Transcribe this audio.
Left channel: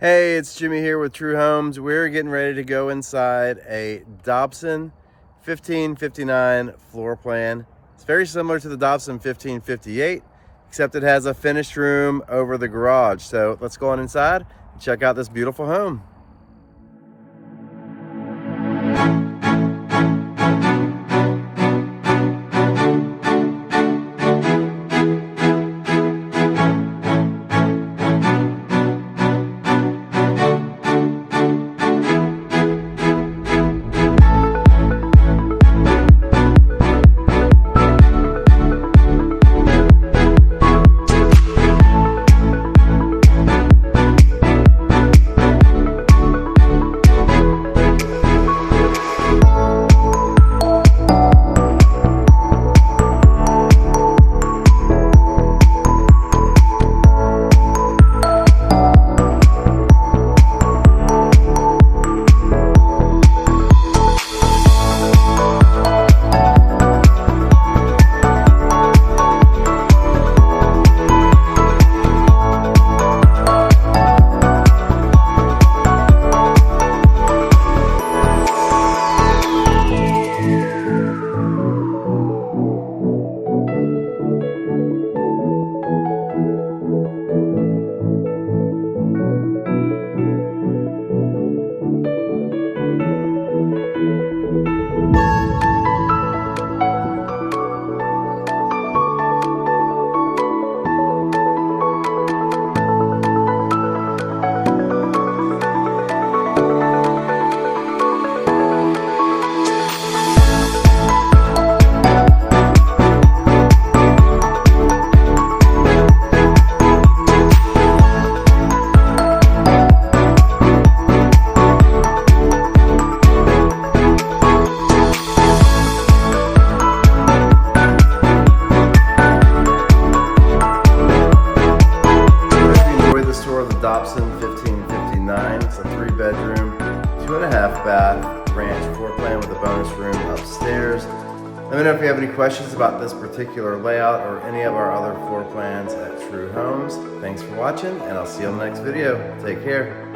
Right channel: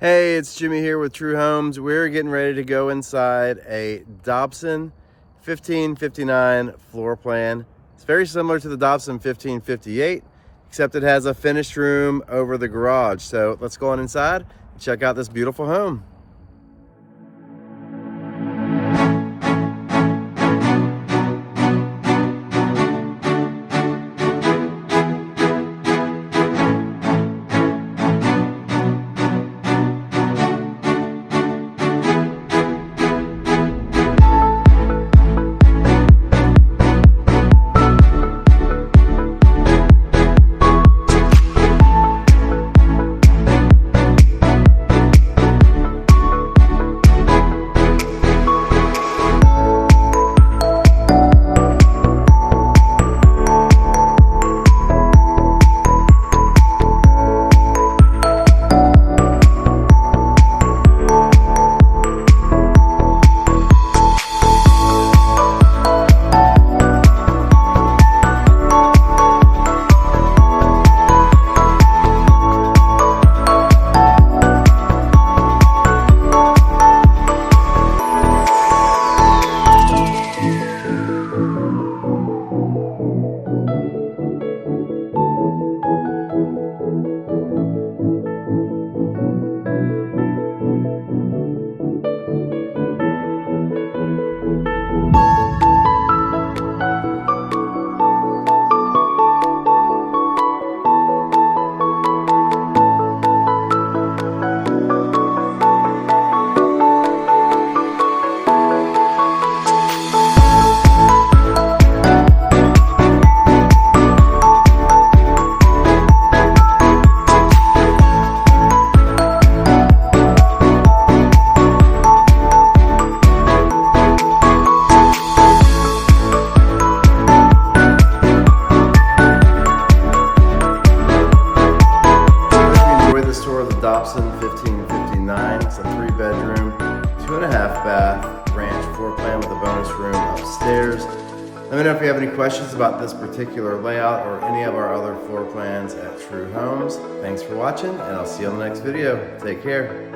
Hey, it's Jimmy here with True Homes. We're getting ready to go inside a Dobson 1559 floor plan. It's very similar to the Dobson 1558, except it has a finished room over the garage. So let's go on inside and check out this beautiful home. Tour of the Dobson 1559. It's a 3-bedroom, 2.5 bath ranch floor plan with a bonus room upstairs. Let me know if you have any questions about this particular layout or any of our other floor plans at True Homes. Thanks for watching, and I'll see you on the next video. Take care.